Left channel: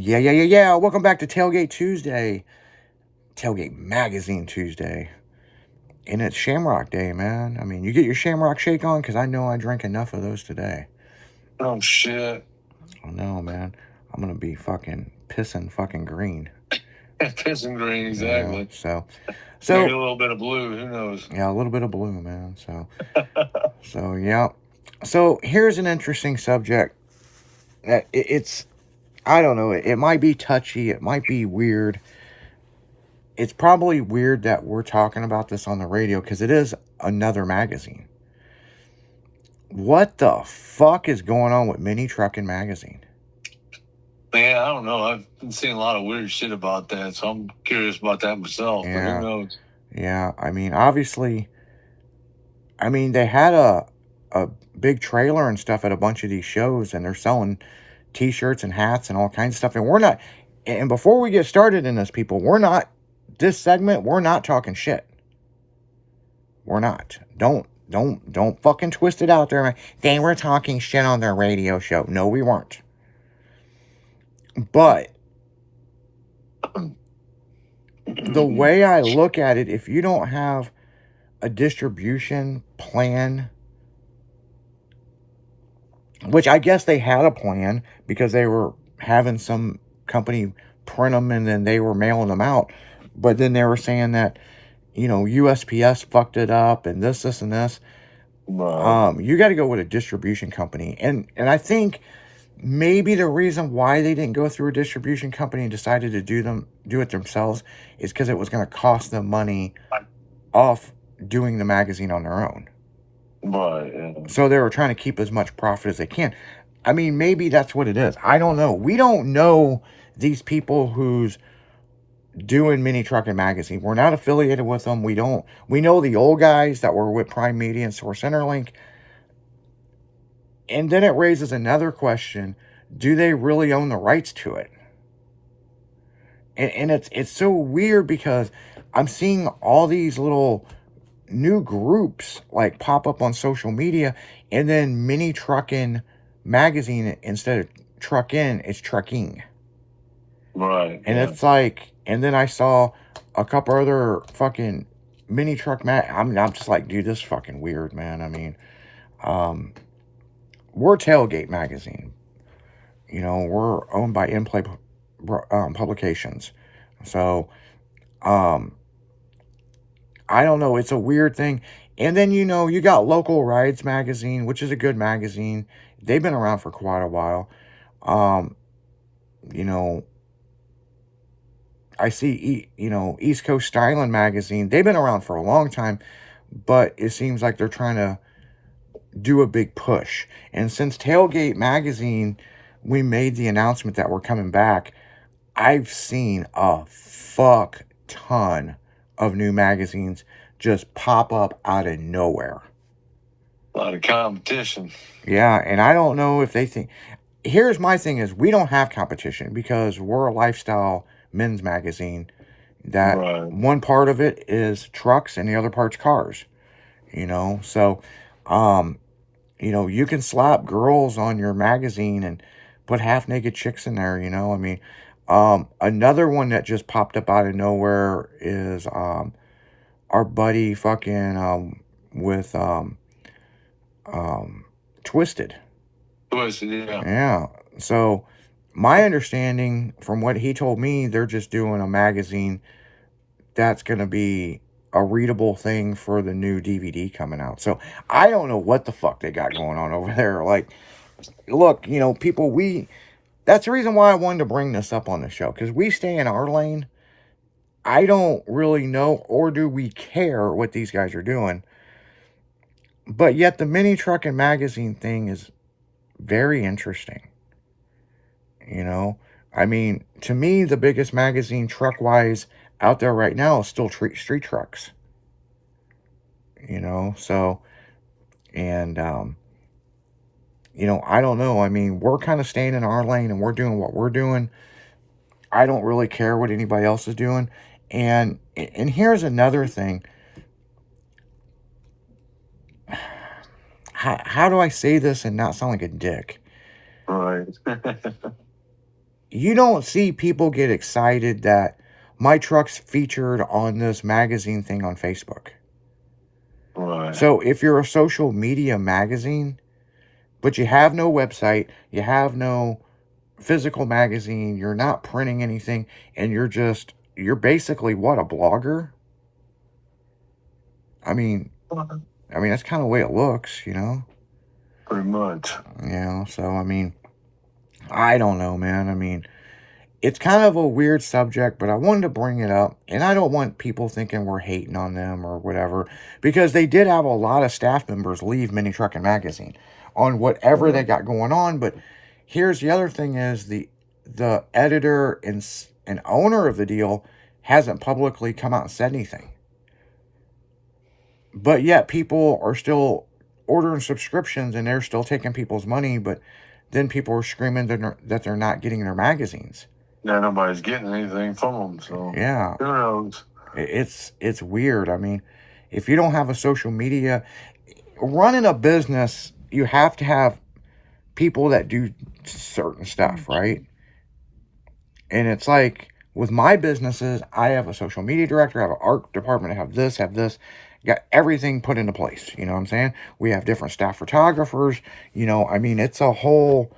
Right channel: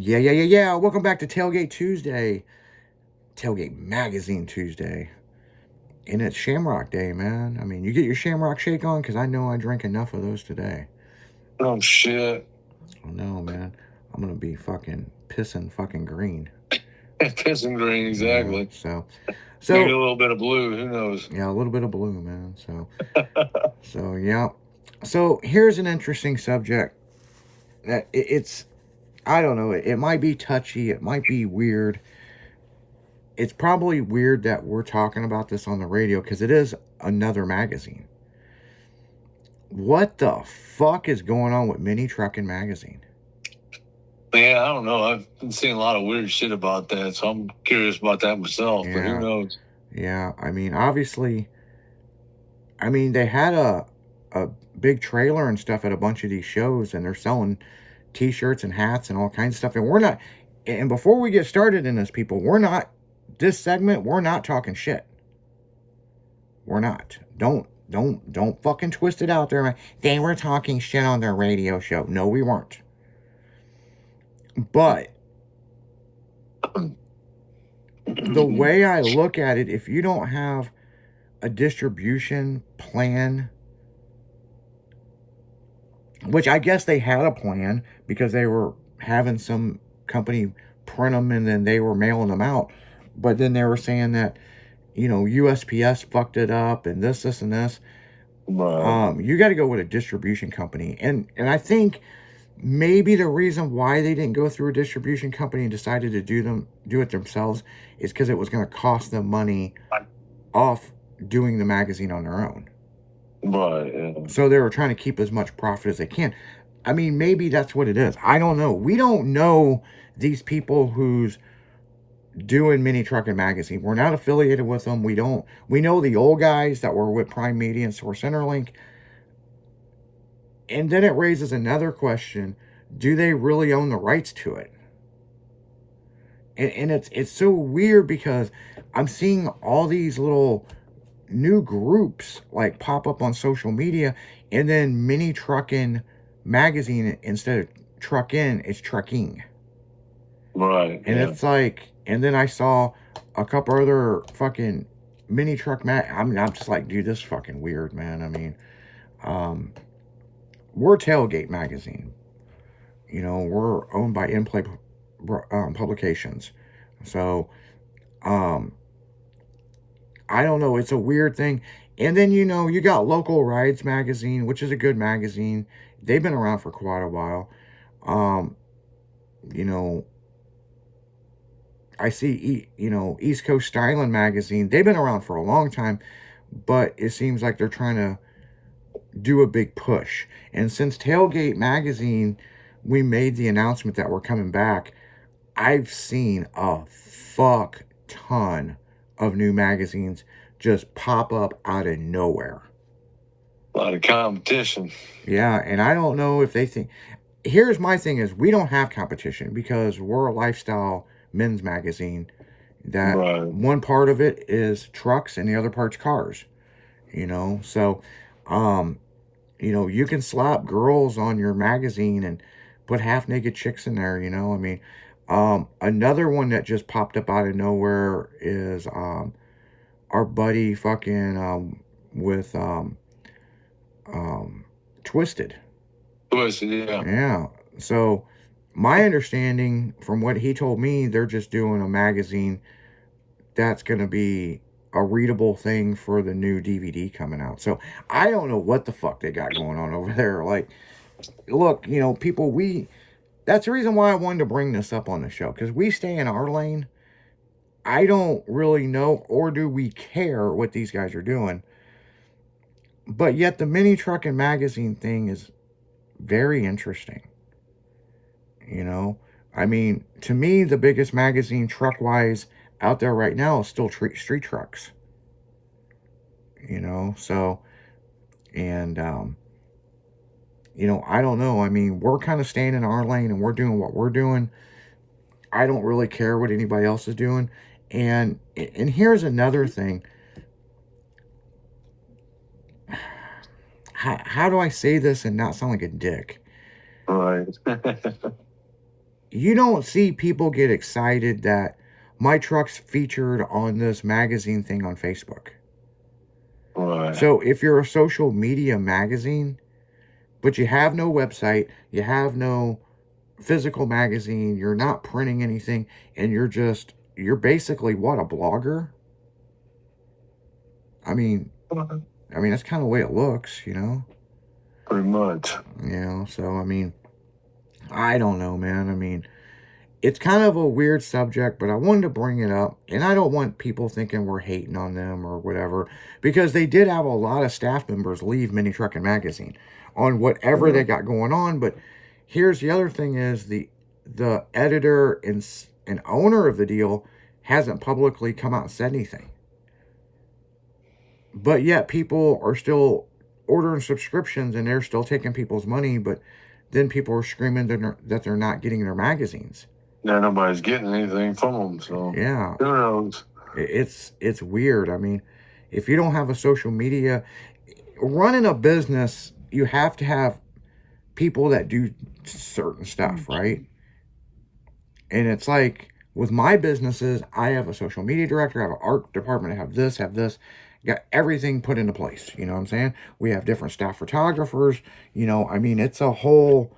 Yeah. Welcome back to Tailgate Tuesday. Tailgate Magazine Tuesday. And it's Shamrock Day, man. I mean, you get your Shamrock Shake on? Because I know I drank enough of those today. Oh, shit. Oh, no, man. I'm going to be fucking pissing fucking green. Pissing green, exactly. Yeah, so maybe a little bit of blue, who knows? Yeah, a little bit of blue, man. Yeah. So here's an interesting subject. It's, I don't know, it might be touchy, it might be weird. It's probably weird that we're talking about this on the radio because it is another magazine. What the fuck is going on with Mini Truckin' Magazine? Yeah, I don't know. I've been seeing a lot of weird shit about that, so I'm curious about that myself, but who knows? Yeah, I mean, obviously, they had a big trailer and stuff at a bunch of these shows, and they're selling t-shirts and hats and all kinds of stuff. And before we get started in this, people, this segment, we're not talking shit. We're not. Don't fucking twist it out there. They were talking shit on their radio show. No, we weren't. But the way I look at it, if you don't have a distribution plan, which I guess they had a plan because they were having some company print them and then they were mailing them out. But then they were saying that, USPS fucked it up and this, and this. You got to go with a distribution company. And I think maybe the reason why they didn't go through a distribution company and decided to do it themselves is because it was going to cost them money off doing the magazine on their own. Right, yeah. So they were trying to keep as much profit as they can. I mean, maybe that's what it is. I don't know. We don't know these people who's doing Mini Truckin' Magazine. We're not affiliated with them. We know the old guys that were with Prime Media and Source Interlink. And then it raises another question. Do they really own the rights to it? And it's so weird because I'm seeing all these little new groups like pop up on social media, and then Mini Truckin' Magazine, instead of Truckin', it's Trucking. Right. And it's like, and then I saw a couple other fucking mini truck I'm just like, dude, this is fucking weird, man. I mean, we're Tailgate Magazine. We're owned by In-Play Publications. So, I don't know. It's a weird thing. And then, you got Local Rides Magazine, which is a good magazine. They've been around for quite a while. I see, East Coast Styling Magazine. They've been around for a long time, but it seems like they're trying to do a big push. And since Tailgate Magazine, we made the announcement that we're coming back, I've seen a fuck ton of new magazines just pop up out of nowhere. A lot of competition. Yeah, and I don't know if they think... Here's my thing is, we don't have competition because we're a lifestyle men's magazine that one part of it is trucks and the other part's cars. So, you can slap girls on your magazine and put half-naked chicks in there, I mean... another one that just popped up out of nowhere is our buddy fucking with Twisted. Twisted, yeah. Yeah. So my understanding from what he told me, they're just doing a magazine that's going to be a readable thing for the new DVD coming out. So I don't know what the fuck they got going on over there. Like, look, people, that's the reason why I wanted to bring this up on the show, because we stay in our lane. I don't really know, or do we care what these guys are doing. But yet the Mini Truckin' Magazine thing is very interesting. I mean, to me, the biggest magazine truck-wise out there right now is still Street Trucks. So, and, I don't know. I mean, we're kind of staying in our lane and we're doing what we're doing. I don't really care what anybody else is doing. And here's another thing. How do I say this and not sound like a dick? Right. you don't see people get excited that my truck's featured on this magazine thing on Facebook. Right. So if you're a social media magazine, but you have no website, you have no physical magazine, you're not printing anything, and you're basically what, a blogger? I mean, that's kind of the way it looks, you know? Pretty much. You know, so I mean, I don't know, man. I mean, it's kind of a weird subject, but I wanted to bring it up. And I don't want people thinking we're hating on them or whatever, because they did have a lot of staff members leave Mini Trucking Magazine on whatever they got going on. But here's the other thing is the editor and owner of the deal hasn't publicly come out and said anything. But yet people are still ordering subscriptions and they're still taking people's money, but then people are screaming that they're not getting their magazines. Yeah, nobody's getting anything from them, so yeah, who knows? It's weird. I mean, if you don't have a social media, running a business, you have to have people that do certain stuff, right? And it's like with my businesses, I have a social media director, I have an art department, I have this, got everything put into place. You know what I'm saying? We have different staff photographers. You know, I mean, it's a whole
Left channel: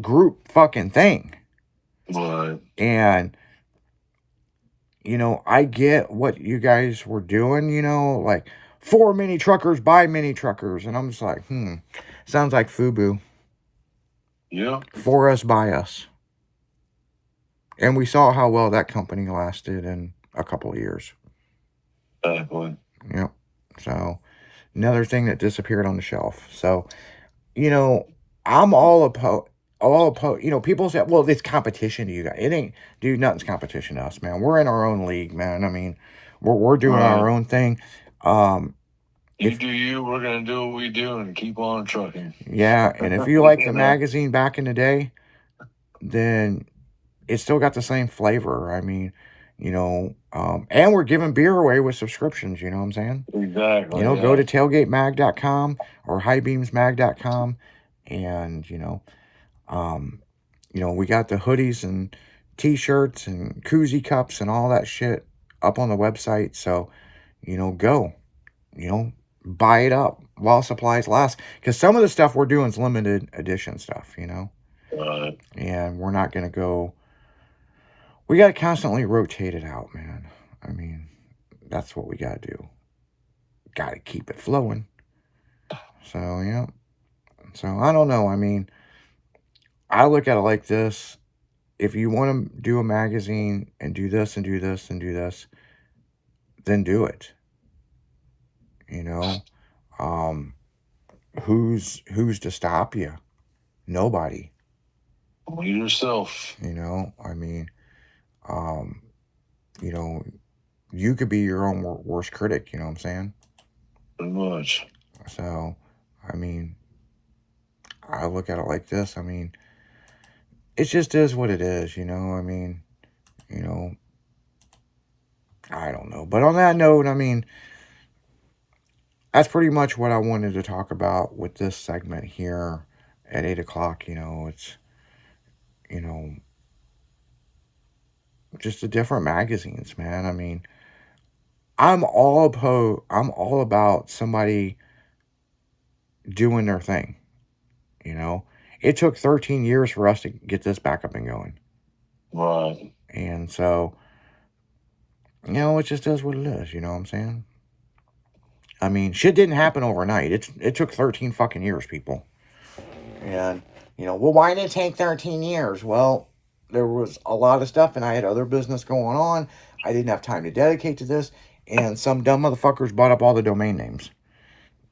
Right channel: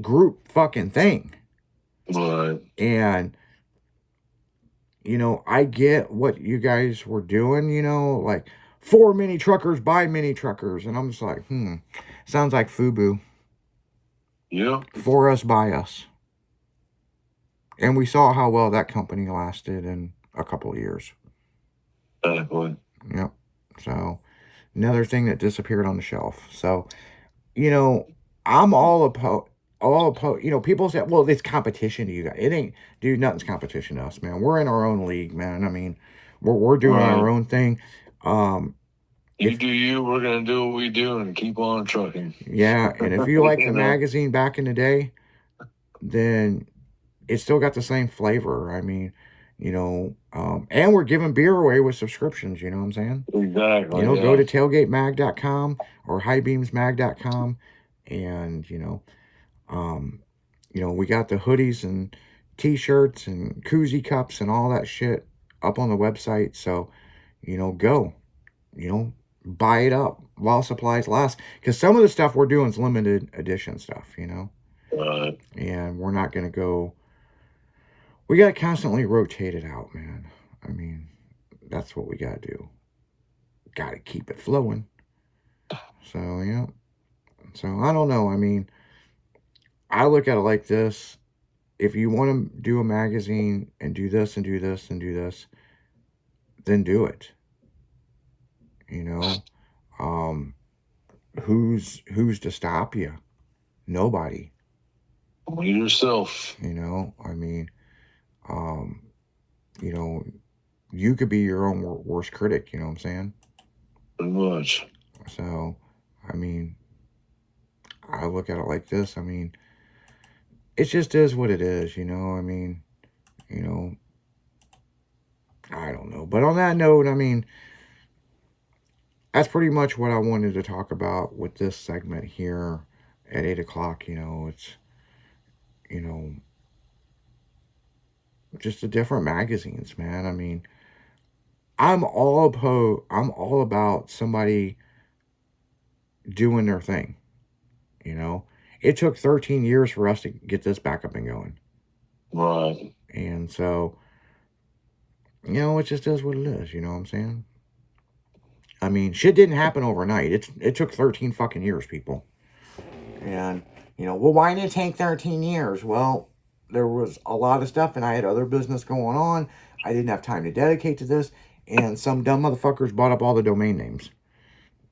group fucking thing. But And you know, I get what you guys were doing, you know, like for mini truckers by mini truckers. And I'm just like, sounds like FUBU. yeah, For us by us. And we saw how well that company lasted in a couple of years. exactly. Yep. So another thing that disappeared on the shelf. So, you know, I'm all opposed. You know, people say, well, it's competition to you guys. It ain't, dude, nothing's competition to us, man. We're in our own league, man. I mean, we're doing Right. our own thing. You do you, we're gonna do what we do and keep on trucking. Yeah, and if you like You the know? magazine back in the day, then it still got the same flavor. I mean, you know, and we're giving beer away with subscriptions, you know what I'm saying? Exactly. You know, Yeah. go to tailgatemag.com or highbeamsmag.com and, you know, we got the hoodies and t-shirts and koozie cups and all that shit up on the website. So, you know, go, you know, buy it up while supplies last. Because some of the stuff we're doing is limited edition stuff, you know. And we're not going to go. We got to constantly rotate it out, man. I mean, that's what we got to do. Got to keep it flowing. So, yeah. So, I don't know. I mean, I look at it like this. If you want to do a magazine and do this and do this and do this, then do it. You know, who's to stop you? Nobody. Only yourself. You know, I mean, you know, you could be your own worst critic. You know what I'm saying? Pretty much. So, I mean, I look at it like this. I mean, it just is what it is. You know, I mean, you know, I don't know. But on that note, I mean, that's pretty much what I wanted to talk about with this segment here at 8 o'clock. You know, it's, you know, just the different magazines, man. I mean, I'm all about somebody doing their thing. You know, it took 13 years for us to get this back up and going. Right. And so, you know, it just is what it is. You know what I'm saying? I mean, shit didn't happen overnight. It took 13 fucking years, people. And, you know, well, why did it take 13 years? Well, there was a lot of stuff, and I had other business going on. I didn't have time to dedicate to this, and some dumb motherfuckers bought up all the domain names.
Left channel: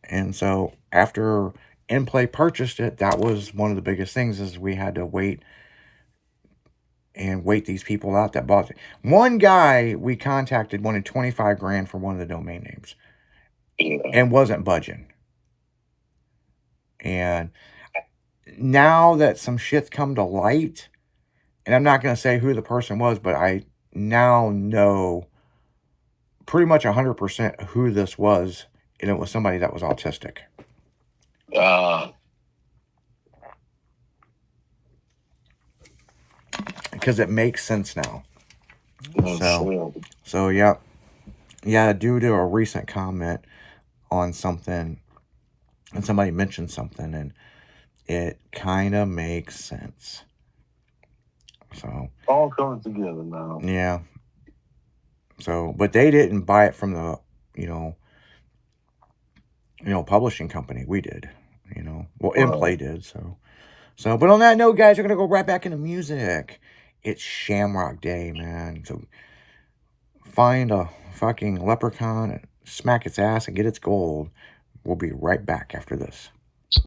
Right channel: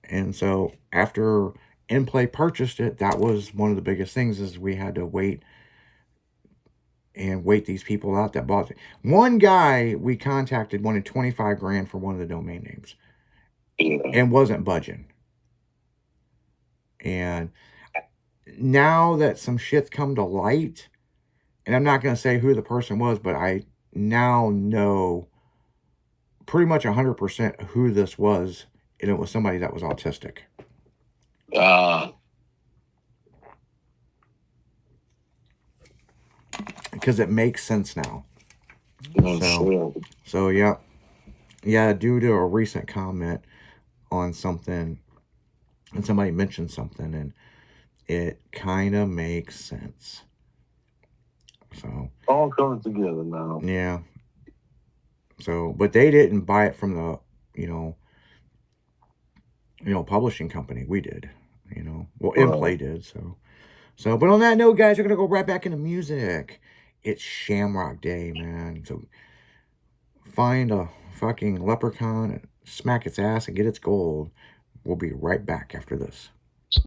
And so after InPlay purchased it, that was one of the biggest things is we had to wait these people out that bought it. One guy we contacted wanted 25 grand for one of the domain names. Yeah. And wasn't budging. And now that some shit's come to light, and I'm not going to say who the person was, but I now know pretty much 100% who this was, and it was somebody that was autistic. because it makes sense now. Oh, sure. So yeah, yeah. Due to a recent comment on something, and somebody mentioned something, and it kind of makes sense. So All coming together now. yeah. So, but they didn't buy it from the, you know, publishing company. We did, Well, Right. InPlay did. So. But on that note, guys, we're gonna go right back into music. It's Shamrock Day, man. So find a fucking leprechaun and smack its ass and get its gold. We'll be right back after this.